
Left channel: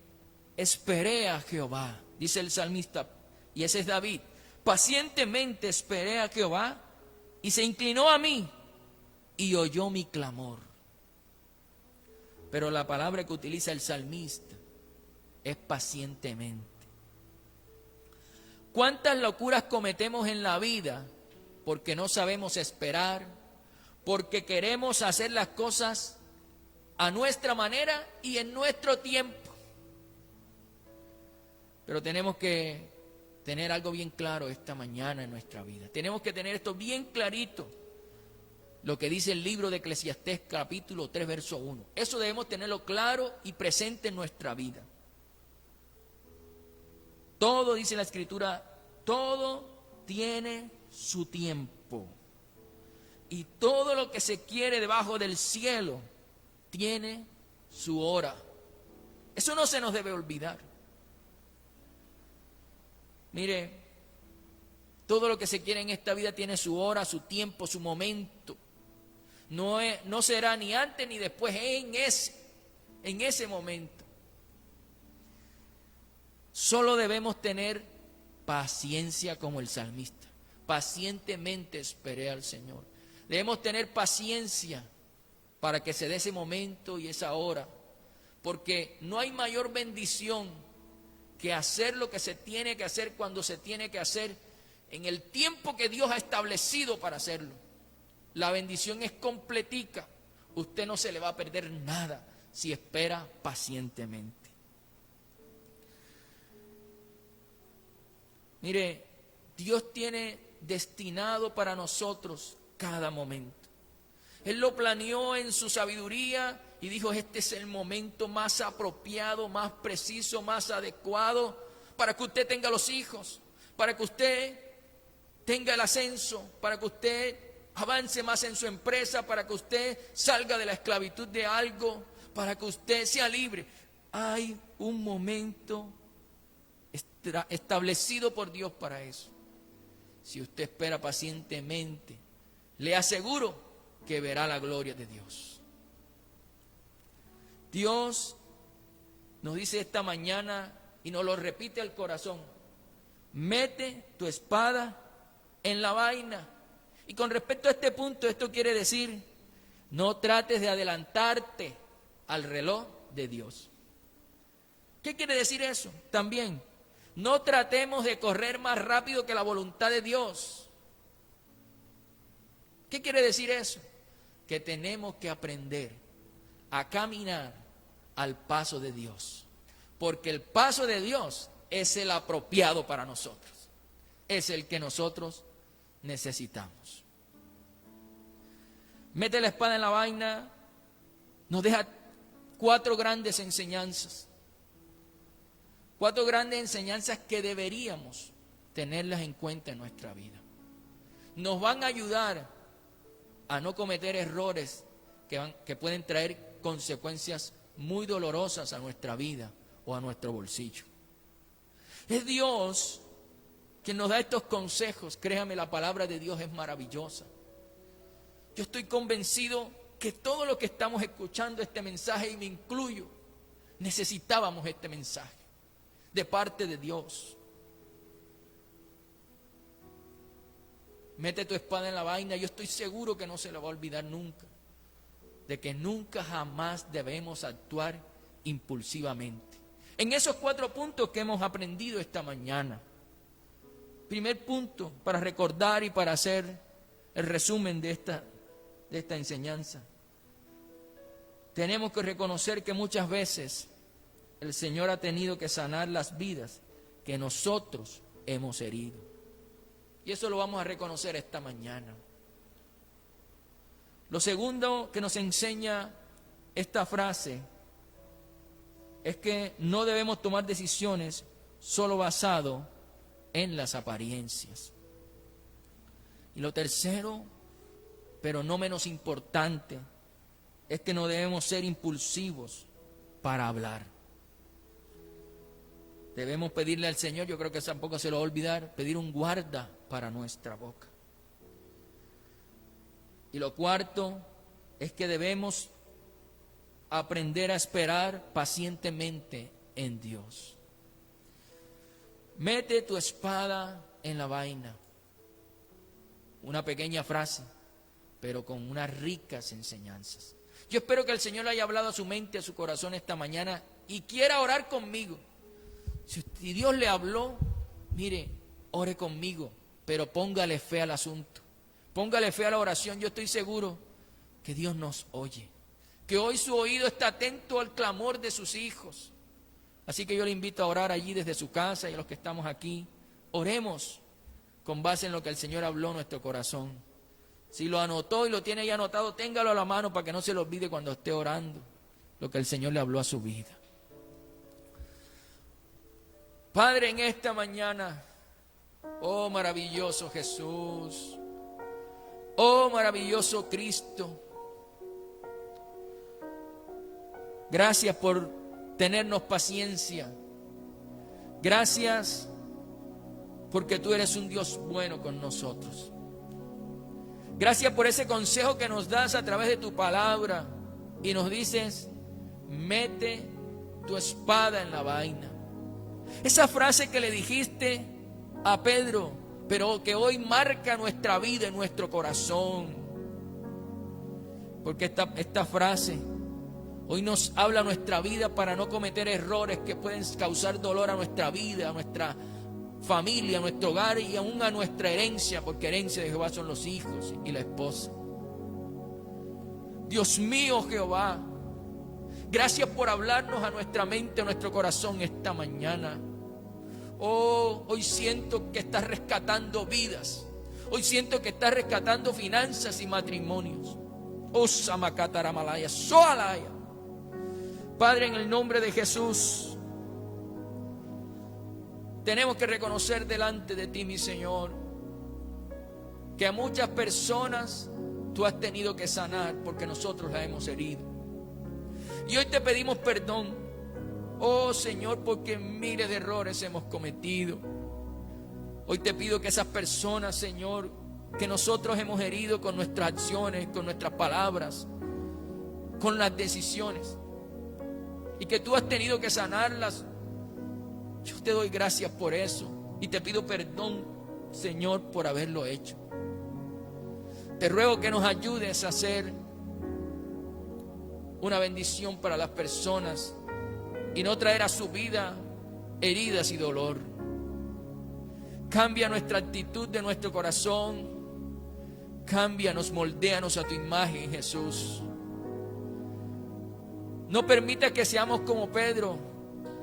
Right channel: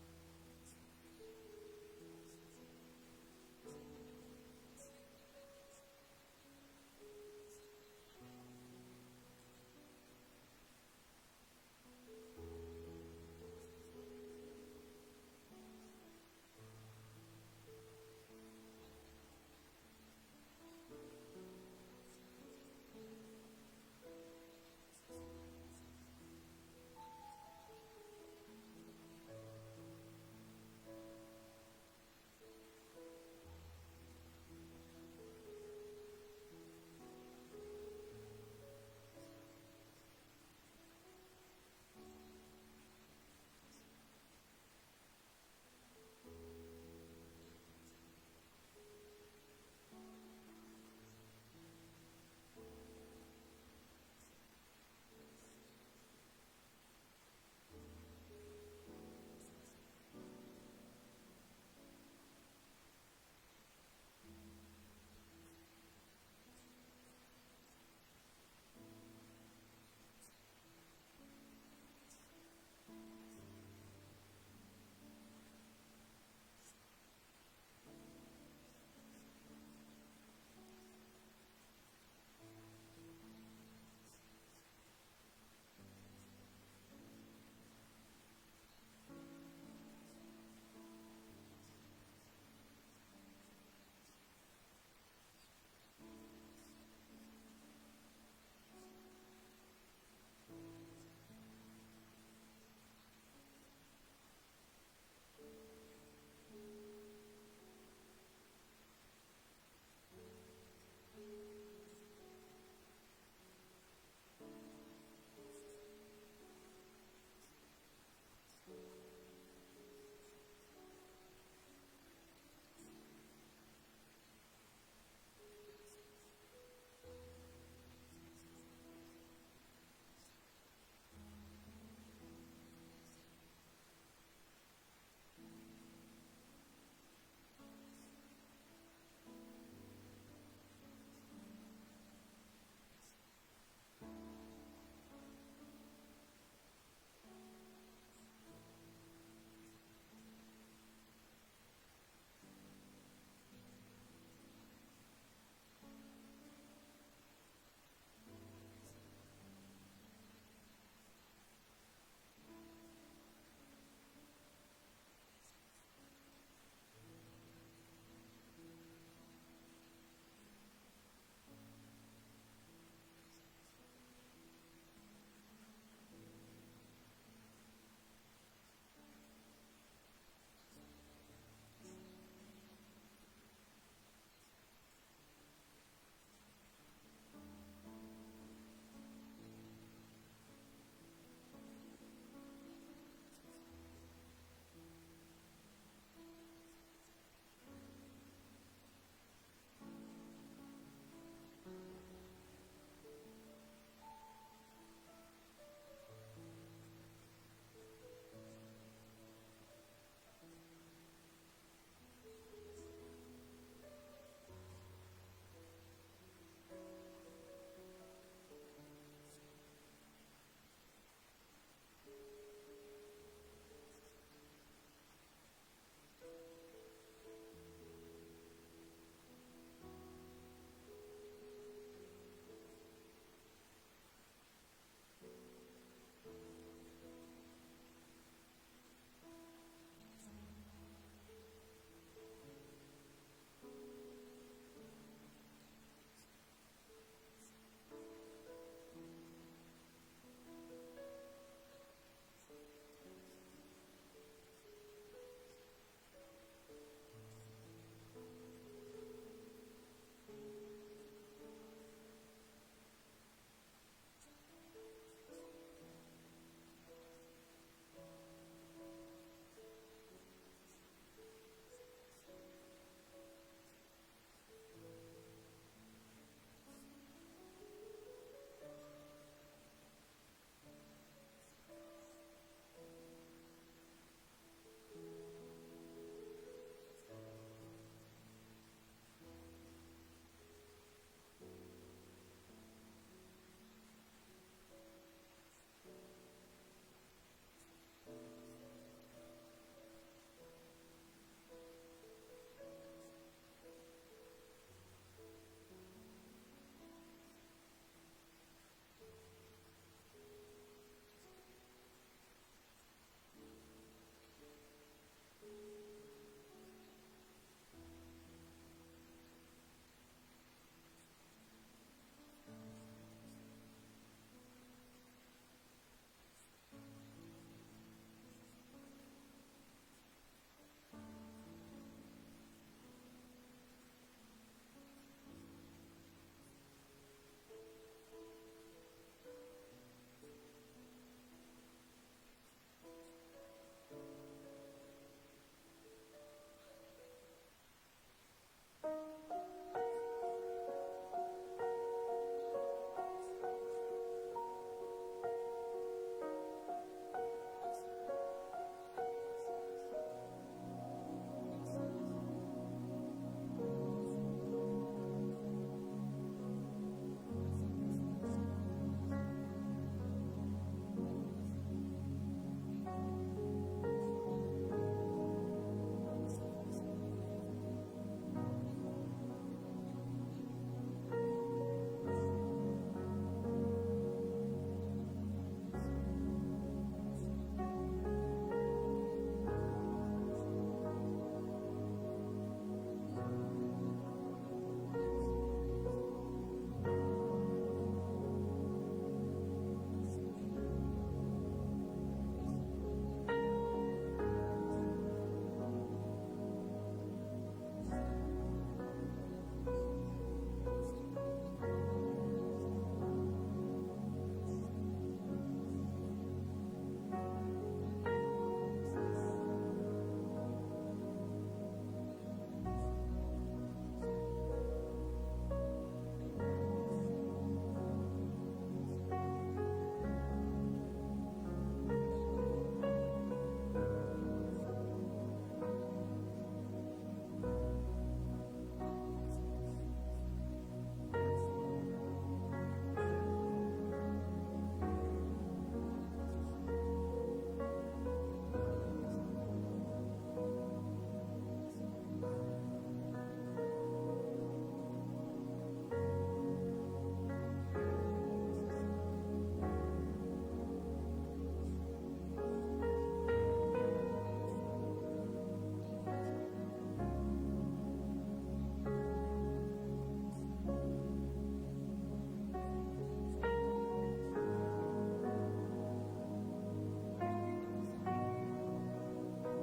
esperé a Jehová, dice el salmista, y ese es David. Pacientemente esperé a Jehová y se inclinó a mí y oyó mi clamor. Pero la palabra que utiliza el salmista es pacientemente. ¿Cuántas locuras cometemos en la vida porque no sabemos esperar, porque queremos hacer las cosas a nuestra manera y en nuestro tiempo? Pero tenemos que tener algo bien claro esta mañana en nuestra vida. Tenemos que tener esto bien clarito, lo que dice el libro de Eclesiastés capítulo 3 verso 1. Eso debemos tenerlo claro y presente en nuestra vida. Todo, dice la Escritura, todo tiene su tiempo. Y todo lo que se quiere debajo del cielo tiene su hora. Eso no se nos debe olvidar. Mire, todo lo que se quiere en esta vida tiene su hora, su tiempo, su momento. No será ni antes ni después, en ese momento. Solo debemos tener paciencia como el salmista. Pacientemente esperé al Señor. Debemos tener paciencia para que se dé ese momento y esa hora. Porque no hay mayor bendición que hacer lo que se tiene que hacer cuando se tiene que hacer en el tiempo que Dios ha establecido para hacerlo. La bendición es completica. Usted no se le va a perder nada si espera pacientemente. Mire, Dios tiene destinado para nosotros cada momento. Él lo planeó en su sabiduría y dijo: este es el momento más apropiado, más preciso, más adecuado para que usted tenga los hijos, para que usted tenga el ascenso, para que usted avance más en su empresa, para que usted salga de la esclavitud de algo, para que usted sea libre. Hay un momento establecido por Dios para eso. Si usted espera pacientemente, le aseguro que verá la gloria de Dios. Dios nos dice esta mañana y nos lo repite al corazón: mete tu espada en la vaina. Y con respecto a este punto, esto quiere decir: no trates de adelantarte al reloj de Dios. ¿Qué quiere decir eso? También, no tratemos de correr más rápido que la voluntad de Dios. ¿Qué quiere decir eso? Que tenemos que aprender a caminar al paso de Dios, porque el paso de Dios es el apropiado para nosotros, es el que nosotros necesitamos. Mete la espada en la vaina nos deja 4 grandes enseñanzas. 4 grandes enseñanzas que deberíamos tenerlas en cuenta en nuestra vida. Nos van a ayudar a no cometer errores que pueden traer consecuencias muy dolorosas a nuestra vida o a nuestro bolsillo. Es Dios quien nos da estos consejos. Créame, la palabra de Dios es maravillosa. Yo estoy convencido que todo lo que estamos escuchando este mensaje, y me incluyo, necesitábamos este mensaje de parte de Dios. Mete tu espada en la vaina. Yo estoy seguro que no se la va a olvidar nunca, de que nunca jamás debemos actuar impulsivamente. En esos 4 puntos que hemos aprendido esta mañana. Primer punto, para recordar y para hacer el resumen de esta enseñanza. Tenemos que reconocer que muchas veces el Señor ha tenido que sanar las vidas que nosotros hemos herido. Y eso lo vamos a reconocer esta mañana. Lo segundo que nos enseña esta frase es que no debemos tomar decisiones solo basado en las apariencias. Y lo tercero, pero no menos importante, es que no debemos ser impulsivos para hablar. Debemos pedirle al Señor, yo creo que tampoco se lo va a olvidar, pedir un guarda para nuestra boca. Y lo cuarto es que debemos aprender a esperar pacientemente en Dios. Mete tu espada en la vaina. Una pequeña frase, pero con unas ricas enseñanzas. Yo espero que el Señor haya hablado a su mente, a su corazón esta mañana y quiera orar conmigo. Si Dios le habló, mire, ore conmigo, pero póngale fe al asunto. Póngale fe a la oración. Yo estoy seguro que Dios nos oye, que hoy su oído está atento al clamor de sus hijos. Así que yo le invito a orar allí desde su casa, y a los que estamos aquí, oremos con base en lo que el Señor habló en nuestro corazón. Si lo anotó y lo tiene ya anotado, téngalo a la mano para que no se lo olvide cuando esté orando lo que el Señor le habló a su vida. Padre, en esta mañana, oh maravilloso Jesús, oh maravilloso Cristo, gracias por tenernos paciencia. Gracias porque tú eres un Dios bueno con nosotros. Gracias por ese consejo que nos das a través de tu palabra y nos dices: mete tu espada en la vaina. Esa frase que le dijiste a Pedro, pero que hoy marca nuestra vida en nuestro corazón. Porque esta frase hoy nos habla nuestra vida para no cometer errores que pueden causar dolor a nuestra vida, a nuestra familia, a nuestro hogar y aún a nuestra herencia, porque herencia de Jehová son los hijos y la esposa. Dios mío, Jehová, gracias por hablarnos a nuestra mente, a nuestro corazón esta mañana. Oh, hoy siento que estás rescatando vidas. Hoy siento que estás rescatando finanzas y matrimonios. Oh, Samakataramalaya, Soalaya. Padre, en el nombre de Jesús, tenemos que reconocer delante de ti, mi Señor, que a muchas personas tú has tenido que sanar porque nosotros las hemos herido. Y hoy te pedimos perdón, oh Señor, porque miles de errores hemos cometido. Hoy te pido que esas personas, Señor, que nosotros hemos herido con nuestras acciones, con nuestras palabras, con las decisiones, y que tú has tenido que sanarlas, yo te doy gracias por eso y te pido perdón, Señor, por haberlo hecho. Te ruego que nos ayudes a hacer una bendición para las personas y no traer a su vida heridas y dolor. Cambia nuestra actitud de nuestro corazón. Cámbianos, moldéanos a tu imagen, Jesús. No permita que seamos como Pedro,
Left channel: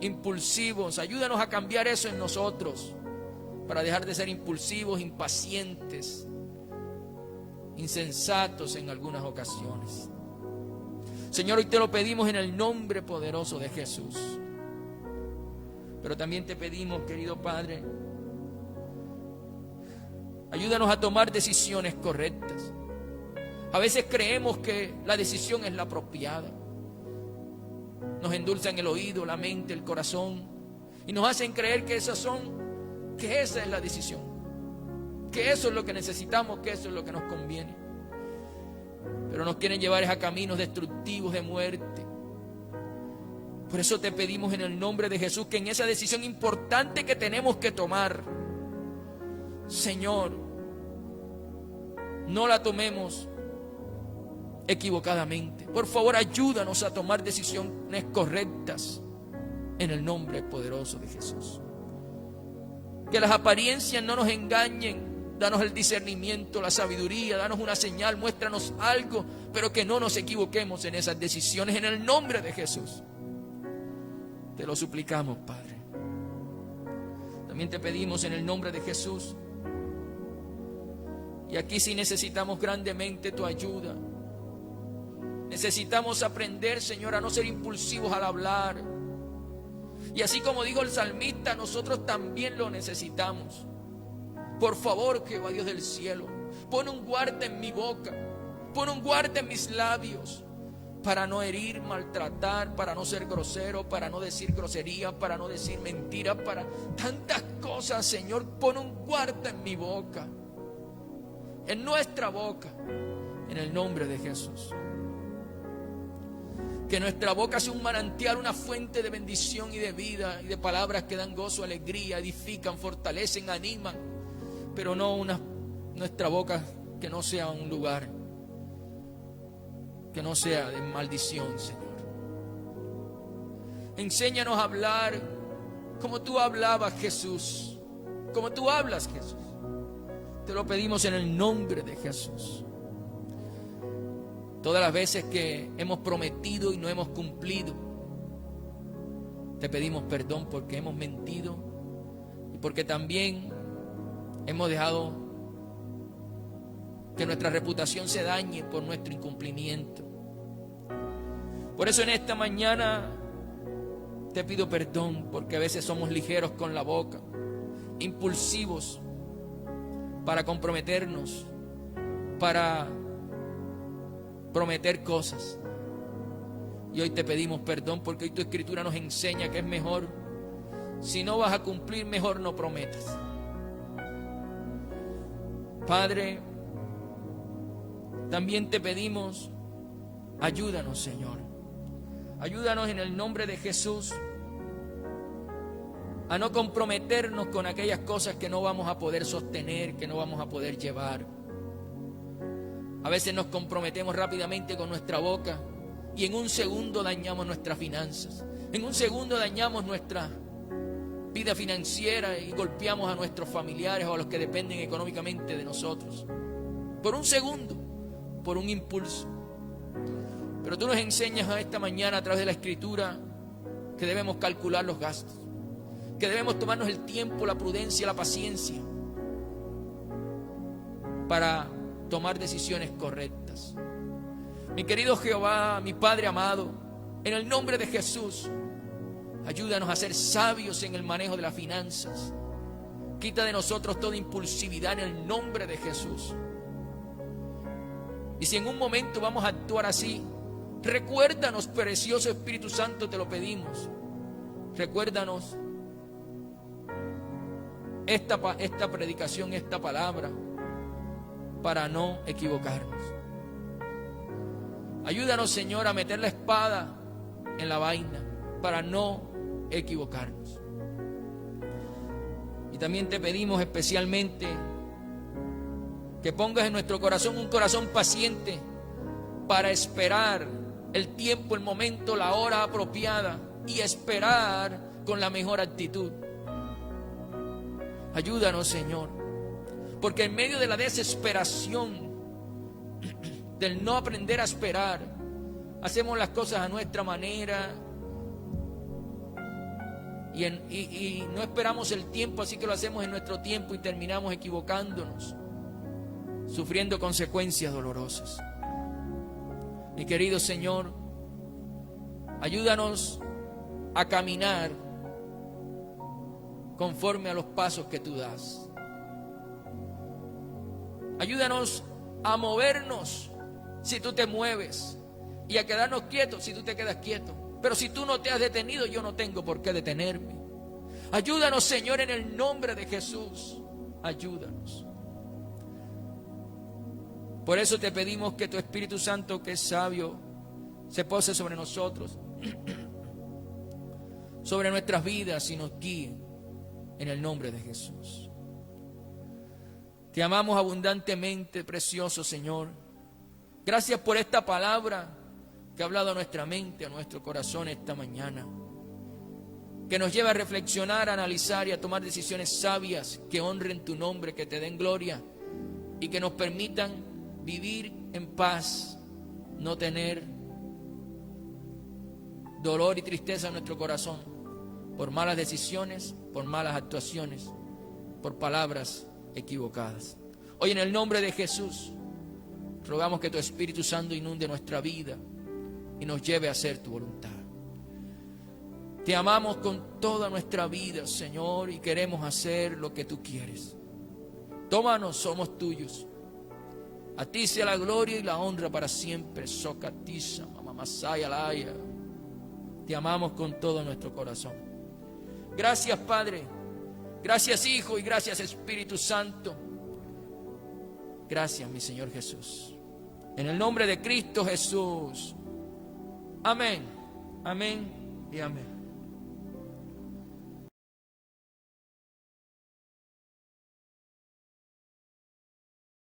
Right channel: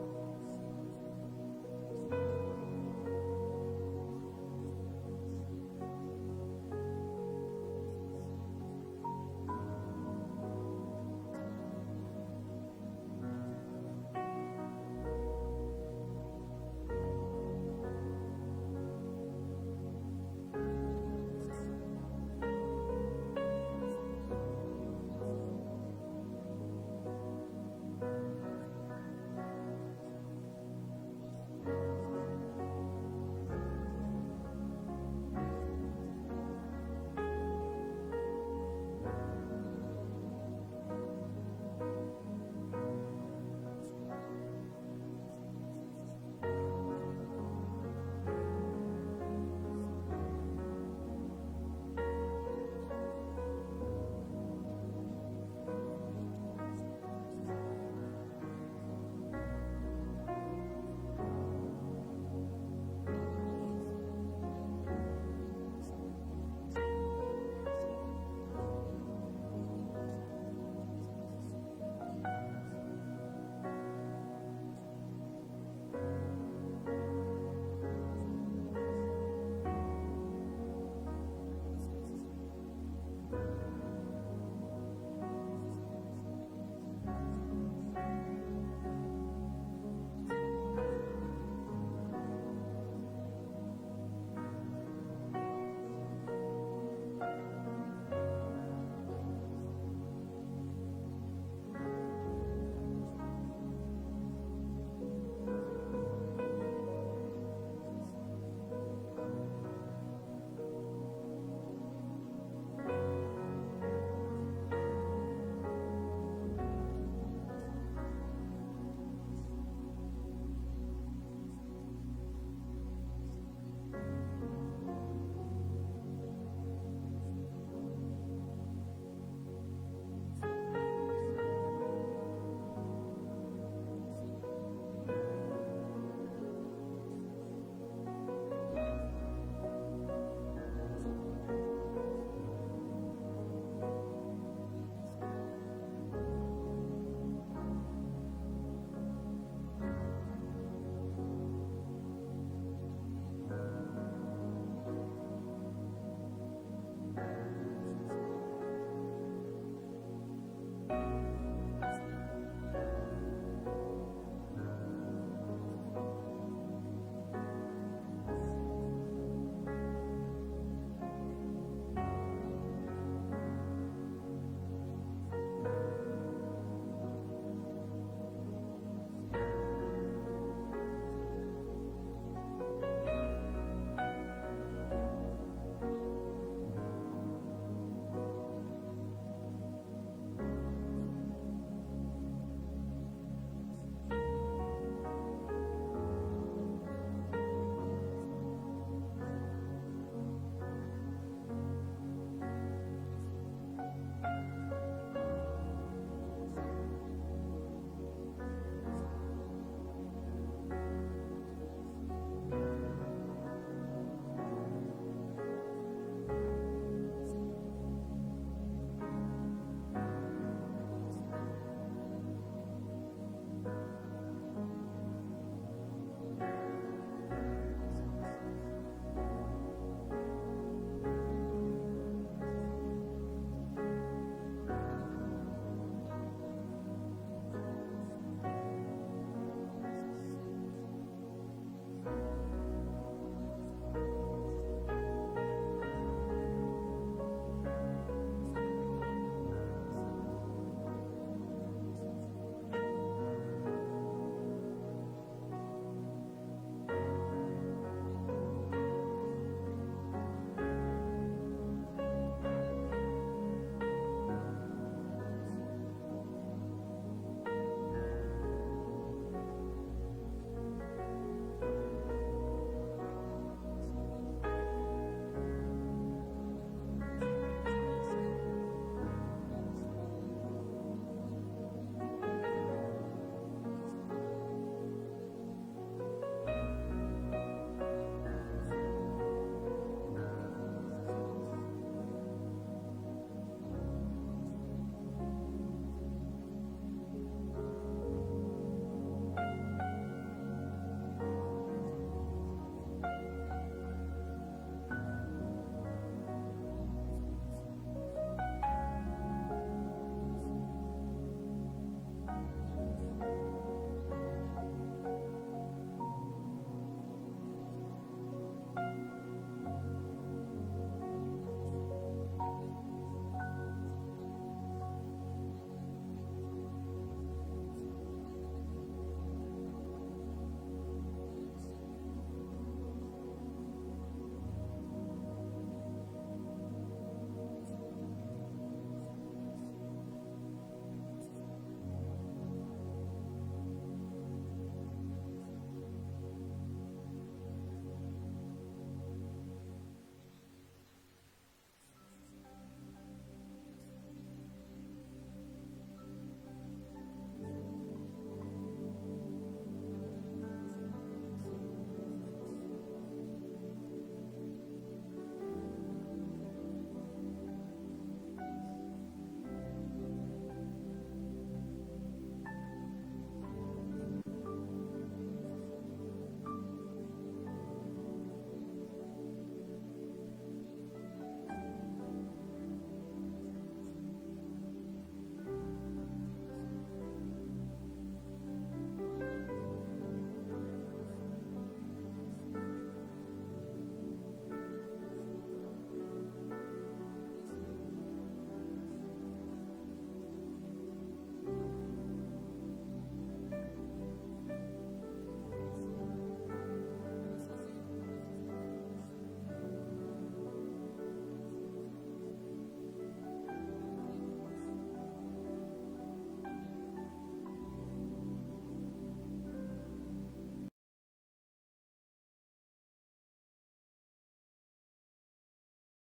impulsivos. Ayúdanos a cambiar eso en nosotros, para dejar de ser impulsivos, impacientes, insensatos en algunas ocasiones. Señor, hoy te lo pedimos en el nombre poderoso de Jesús. Pero también te pedimos, querido Padre, ayúdanos a tomar decisiones correctas. A veces creemos que la decisión es la apropiada. Nos endulzan el oído, la mente, el corazón, y nos hacen creer que esa es la decisión, que eso es lo que necesitamos, que eso es lo que nos conviene. Pero nos quieren llevar a caminos destructivos de muerte. Por eso te pedimos en el nombre de Jesús que en esa decisión importante que tenemos que tomar, Señor, no la tomemos equivocadamente. Por favor, ayúdanos a tomar decisiones correctas en el nombre poderoso de Jesús. Que las apariencias no nos engañen. Danos el discernimiento, la sabiduría, danos una señal, muéstranos algo, pero que no nos equivoquemos en esas decisiones en el nombre de Jesús. Te lo suplicamos, Padre. También te pedimos en el nombre de Jesús. Y aquí sí necesitamos grandemente tu ayuda. Necesitamos aprender, Señor, a no ser impulsivos al hablar. Y así como dijo el salmista, nosotros también lo necesitamos. Por favor, Jehová Dios del cielo, pon un guarda en mi boca, pon un guarda en mis labios, para no herir, maltratar, para no ser grosero, para no decir grosería, para no decir mentiras, para tantas cosas, Señor. Pon un guarda en mi boca, en nuestra boca, en el nombre de Jesús. Que nuestra boca sea un manantial, una fuente de bendición y de vida, y de palabras que dan gozo, alegría, edifican, fortalecen, animan. Pero no nuestra boca que no sea un lugar, que no sea de maldición, Señor. Enséñanos a hablar como tú hablabas, Jesús, como tú hablas, Jesús. Te lo pedimos en el nombre de Jesús. Todas las veces que hemos prometido y no hemos cumplido, te pedimos perdón porque hemos mentido y porque también hemos dejado que nuestra reputación se dañe por nuestro incumplimiento. Por eso en esta mañana te pido perdón, porque a veces somos ligeros con la boca, impulsivos para comprometernos, para prometer cosas. Y hoy te pedimos perdón porque hoy tu escritura nos enseña que es mejor, si no vas a cumplir, mejor no prometas. Padre, también te pedimos, ayúdanos, Señor. Ayúdanos en el nombre de Jesús a no comprometernos con aquellas cosas que no vamos a poder sostener, que no vamos a poder llevar. A veces nos comprometemos rápidamente con nuestra boca y en un segundo dañamos nuestras finanzas. En un segundo dañamos nuestra vida financiera y golpeamos a nuestros familiares o a los que dependen económicamente de nosotros. Por un segundo, por un impulso. Pero tú nos enseñas a esta mañana a través de la Escritura que debemos calcular los gastos, que debemos tomarnos el tiempo, la prudencia, la paciencia para tomar decisiones correctas. Mi querido Jehová, mi Padre amado, En el nombre de Jesús, ayúdanos a ser sabios en el manejo de las finanzas. Quita de nosotros toda impulsividad en el nombre de Jesús. Y si en un momento vamos a actuar así, recuérdanos, precioso Espíritu Santo, te lo pedimos. Recuérdanos esta predicación, esta palabra, para no equivocarnos. Ayúdanos, Señor, a meter la espada en la vaina para no equivocarnos. Y también te pedimos especialmente que pongas en nuestro corazón un corazón paciente para esperar el tiempo, el momento, la hora apropiada, y esperar con la mejor actitud. Ayúdanos, Señor, porque en medio de la desesperación, del no aprender a esperar, hacemos las cosas a nuestra manera y no esperamos el tiempo, así que lo hacemos en nuestro tiempo y terminamos equivocándonos, sufriendo consecuencias dolorosas. Mi querido Señor, ayúdanos a caminar conforme a los pasos que tú das. Ayúdanos a movernos si tú te mueves, y a quedarnos quietos si tú te quedas quieto. Pero si tú no te has detenido, yo no tengo por qué detenerme. Ayúdanos, Señor, en el nombre de Jesús. Ayúdanos. Por eso te pedimos que tu Espíritu Santo, que es sabio, se pose sobre nosotros, sobre nuestras vidas, y nos guíe en el nombre de Jesús. Te amamos abundantemente, precioso Señor. Gracias por esta palabra que ha hablado a nuestra mente, a nuestro corazón esta mañana, que nos lleva a reflexionar, a analizar y a tomar decisiones sabias que honren tu nombre, que te den gloria y que nos permitan vivir en paz, no tener dolor y tristeza en nuestro corazón por malas decisiones, por malas actuaciones, por palabras equivocadas. Hoy, en el nombre de Jesús, rogamos que tu Espíritu Santo inunde nuestra vida y nos lleve a hacer tu voluntad. Te amamos con toda nuestra vida, Señor, y queremos hacer lo que tú quieres. Tómanos, somos tuyos. A ti sea la gloria y la honra para siempre. Socatiza, mamamasaya, laya. Te amamos con todo nuestro corazón. Gracias, Padre. Gracias, Hijo, y gracias, Espíritu Santo. Gracias, mi Señor Jesús. En el nombre de Cristo Jesús. Amén. Amén y amén.